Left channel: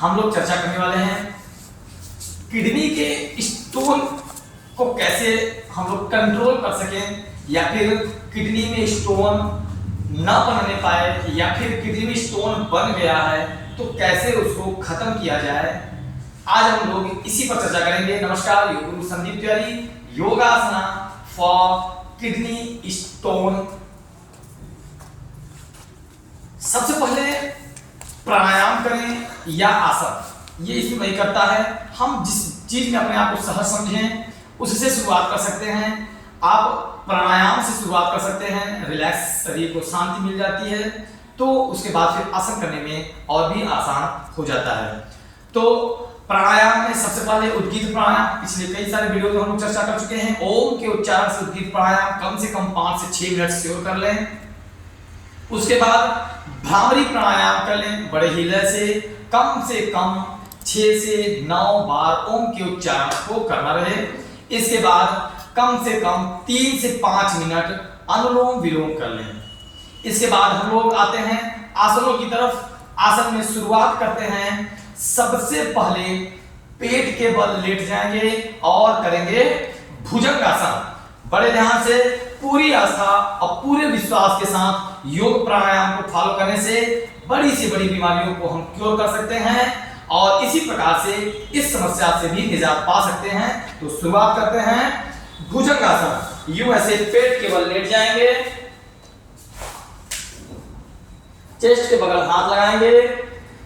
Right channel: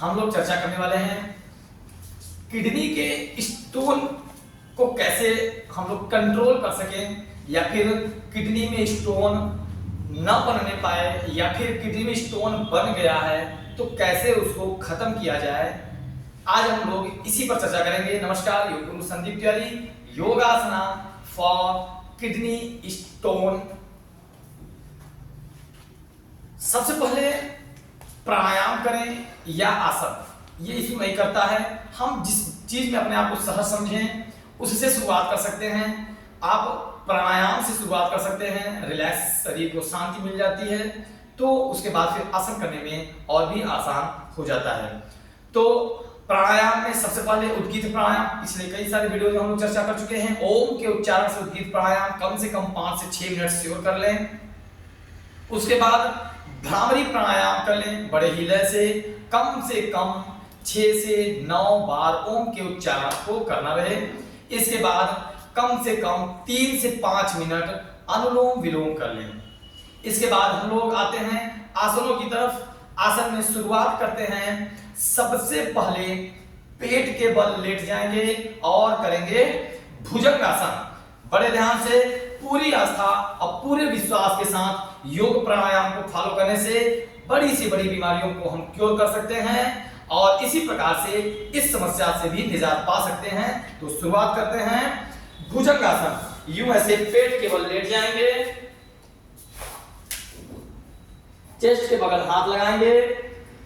हम लोग चर्चा करने वाले हैं किडनी के स्टोन को कैसे हम लोग कंट्रोल कर सकें, या फिर किडनी में स्टोन न बनने पाए, या फिर किडनी में स्टोन बन गया है तो कैसे उसको खत्म किया जाए। आज हम लोग इसी पर चर्चा करेंगे। नमस्कार, yoga guru Sandeep Tiwari, योगासना for kidney stone. सबसे पहले प्राणायाम करें या आसन, ये इसमें नहीं करता है। हम जिस चीज में अपने आप को सहज समझें उससे शुरुआत कर सकते हैं। आप प्राणायाम से शुरुआत कर सकते हैं, रिलैक्स, शरीर को शांति मिल जाती है, तो उसके बाद फिर आसन करने में और भी आसान हो जाता है। तो प्राणायाम में सबसे पहले उद्गीत प्राणायाम, पिछले कई सारे वीडियो में हम लोग चर्चा कर चुके हैं। ओम के उच्चारण से उद्गीत प्राणायाम कम से कम 5 से 6 मिनट श्योर कर लें। उसके बाद भ्रामरी प्राणायाम कर लें, बड़े ही लय से कम 6 से 9 बार ओम के उच्चारण को करना रहे। इसके बाद कम से कम 3 से 5 मिनट अनुलोम विलोम कर लें। इसके बाद हम लोग आते हैं आसनों की तरफ। आसन में शुरुआत करते हैं, सबसे पहले पेट के बल लेट जाएंगे और करेंगे भुजंगासन। बड़े ध्यान से, पूरी आस्था और पूरे विश्वास के साथ योग प्राणायाम को फॉलो करने से बड़ी से बड़ी बीमारियों को हम क्योर कर सकते हैं और इसी प्रकार से इस समस्या से भी निजात पा सकते हैं। तो शुरुआत करते हैं भुजंगासन। यूं ऐसे पेट के बल लेट जाएंगे, चेस्ट के बगल हाथ लगाएंगे,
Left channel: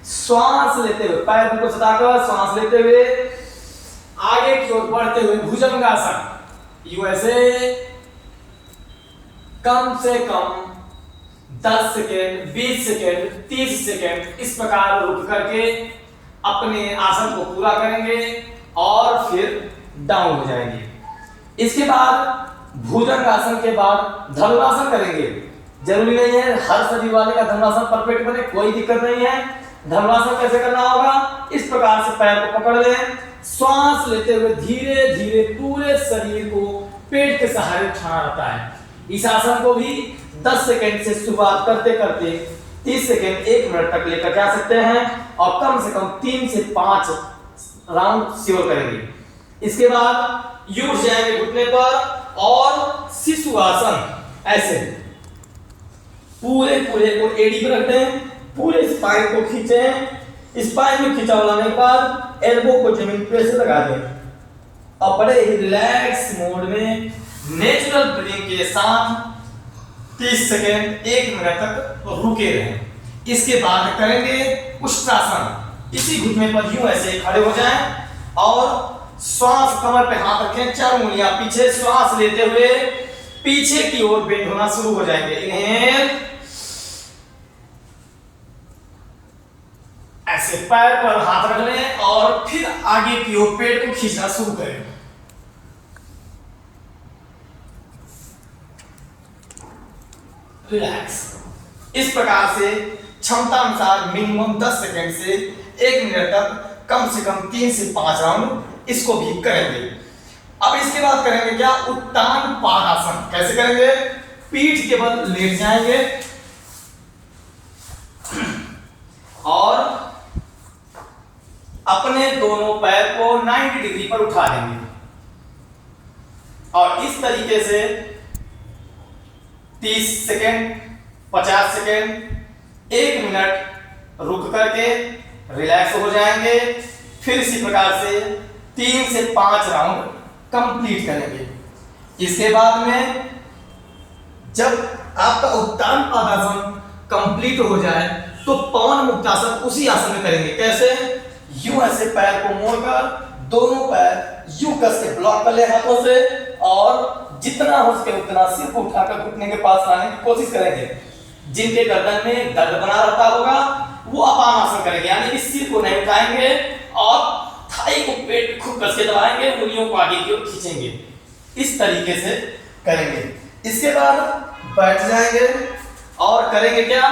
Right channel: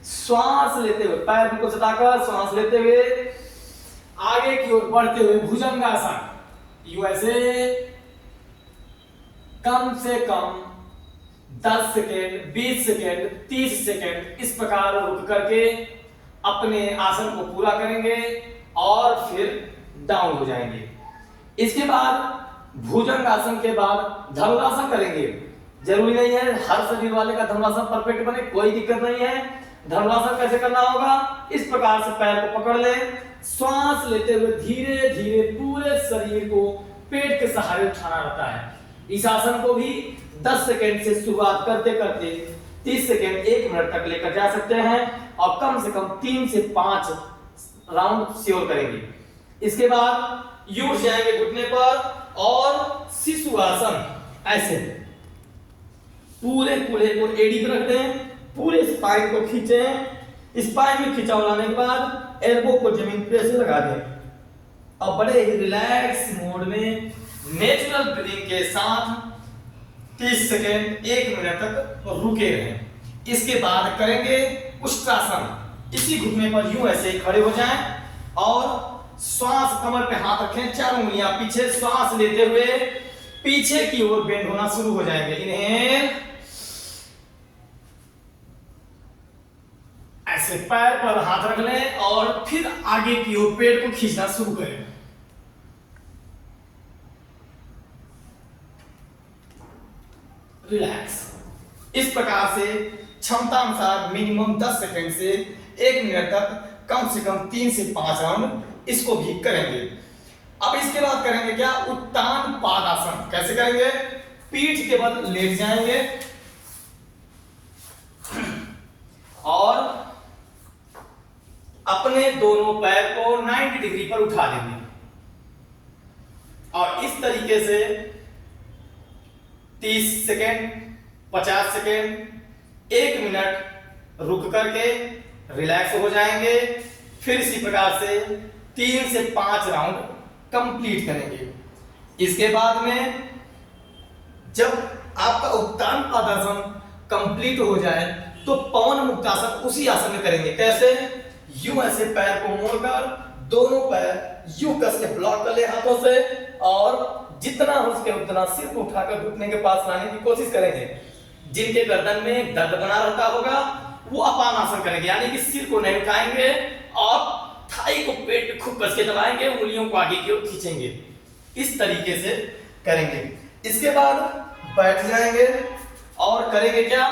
श्वास लेते हुए पैर को सटाकर श्वास लेते हुए आगे की ओर बढ़ते हुए भुजंगासन। यूं ऐसे कम से कम 10 सेकेंड, 20 सेकेंड, 30 सेकेंड इस प्रकार रुक करके अपने आसन को पूरा करेंगे और फिर डाउन हो जाएंगे। इसके बाद भुजंगासन के बाद धनुरासन करेंगे। जरूरी नहीं है हर शरीर वाले का धनुरासन परफेक्ट बने, कोई दिक्कत नहीं है। धनुरासन कैसे करना होगा, इस प्रकार से पैर को पकड़ लें, श्वास लेते हुए धीरे धीरे पूरे शरीर को पेट के सहारे उठाना रहता है। इस आसन को भी 10 सेकेंड से शुरुआत करते करते 30 सेकेंड 1 मिनट तक लेकर जा सकते हैं और कम से कम 3 से 5 राउंड श्योर करेंगे। इसके बाद यूं जाएंगे घुटने पर और शिशु आसन। ऐसे पूरे को एड़ी पर रख दें, पूरे स्पाइन को खींचें। स्पाइन में खिंचाव लाने के बाद एल्बो को जमीन पे से लगा दें और बड़े ही रिलैक्स मोड में नेचुरल ब्रीदिंग के साथ 30 सेकेंड 1 मिनट तक रुके रहें। इसके बाद करेंगे उष्ट्रासन। इसी घुटने पर यूं ऐसे खड़े हो जाएं और श्वास कमर पे हाथ रखें, 4 उंगलियां पीछे, श्वास लेते हुए पीछे की ओर बेंड होना शुरू हो जाएंगे। इनहेल, ऐसे पैर पर हाथ रख लें और फिर आगे की ओर पेट को खींचना शुरू करें। रिलैक्स। इस प्रकार से क्षमता अनुसार मिनिमम 10 सेकेंड से 1 मिनट तक कम से कम 3 से 5 राउंड इसको भी करेंगे। अब इसके बाद करेंगे क्या, उत्तान पादासन। कैसे करेंगे, पीठ के बल लेट जाएंगे और अपने दोनों पैर को 90 डिग्री पर उठा देंगे और इस तरीके से 30 सेकेंड, 50 सेकेंड, 1 मिनट रुक करके रिलैक्स हो जाएंगे। फिर इसी प्रकार से 3 से 5 राउंड कंप्लीट करेंगे। इसके बाद में जब आपका उत्तान पादासन कंप्लीट हो जाए तो पवन मुक्तासन उसी आसन में करेंगे। कैसे, यूं ऐसे पैर को मोड़कर दोनों पैर यूं कस के ब्लॉक कर ले हाथों से और जितना हो सके उतना सिर को उठाकर घुटने के पास लाने की कोशिश करेंगे। जिनके गर्दन में दर्द बना रहता होगा वो अपान आसन करेंगे, यानी कि सिर को नहीं उठाएंगे और थाई को पेट में खूब कस के दबाएंगे, उंगलियों को आगे की ओर खींचेंगे। इस तरीके से करेंगे। इसके बाद बैठ जाएंगे और करेंगे क्या,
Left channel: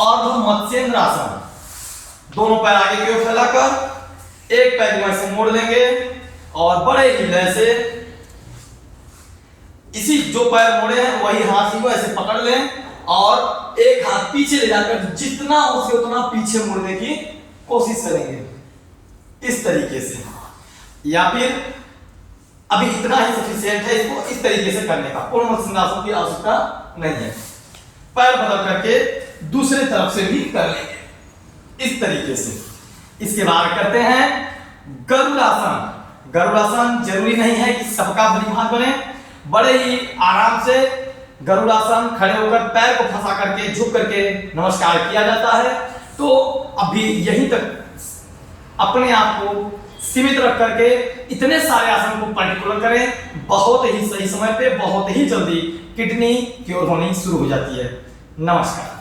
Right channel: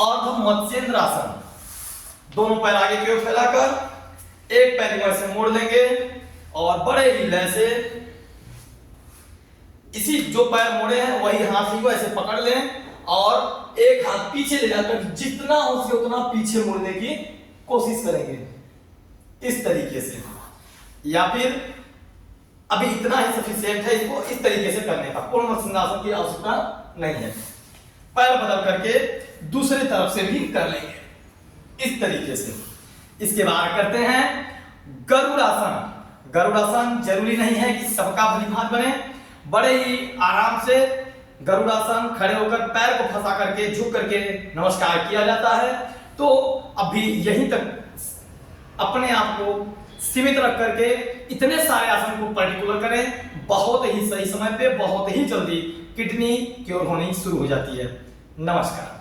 अर्ध मत्स्येंद्र आसन। दोनों पैर आगे की ओर फैलाकर एक पैर को ऐसे मोड़ लेंगे और बड़े ही लय से इसी जो पैर मोड़े हैं वही हाथ को ऐसे पकड़ लें और एक हाथ पीछे ले जाकर जितना हो सके उतना पीछे मुड़ने की कोशिश करेंगे इस तरीके से, या फिर अभी इतना ही सफिशिएंट है इसको इस तरीके से करने का, पूर्ण मत्स्यंगासन की आवश्यकता नहीं है। पैर बदल करके दूसरी तरफ से भी कर लेंगे इस तरीके से। इसके बाद करते हैं गरुड़ासन। गरुड़ासन जरूरी नहीं है कि सबका भलीभांत बने, बड़े ही आराम से गरुड़ासन खड़े होकर पैर को फंसा करके झुक करके नमस्कार किया जाता है। तो अभी यहीं तक अपने आप को सीमित रख करके इतने सारे आसन को पर्टिकुलर करें, बहुत ही सही समय पे बहुत ही जल्दी किडनी क्योर होनी शुरू हो जाती है। नमस्कार।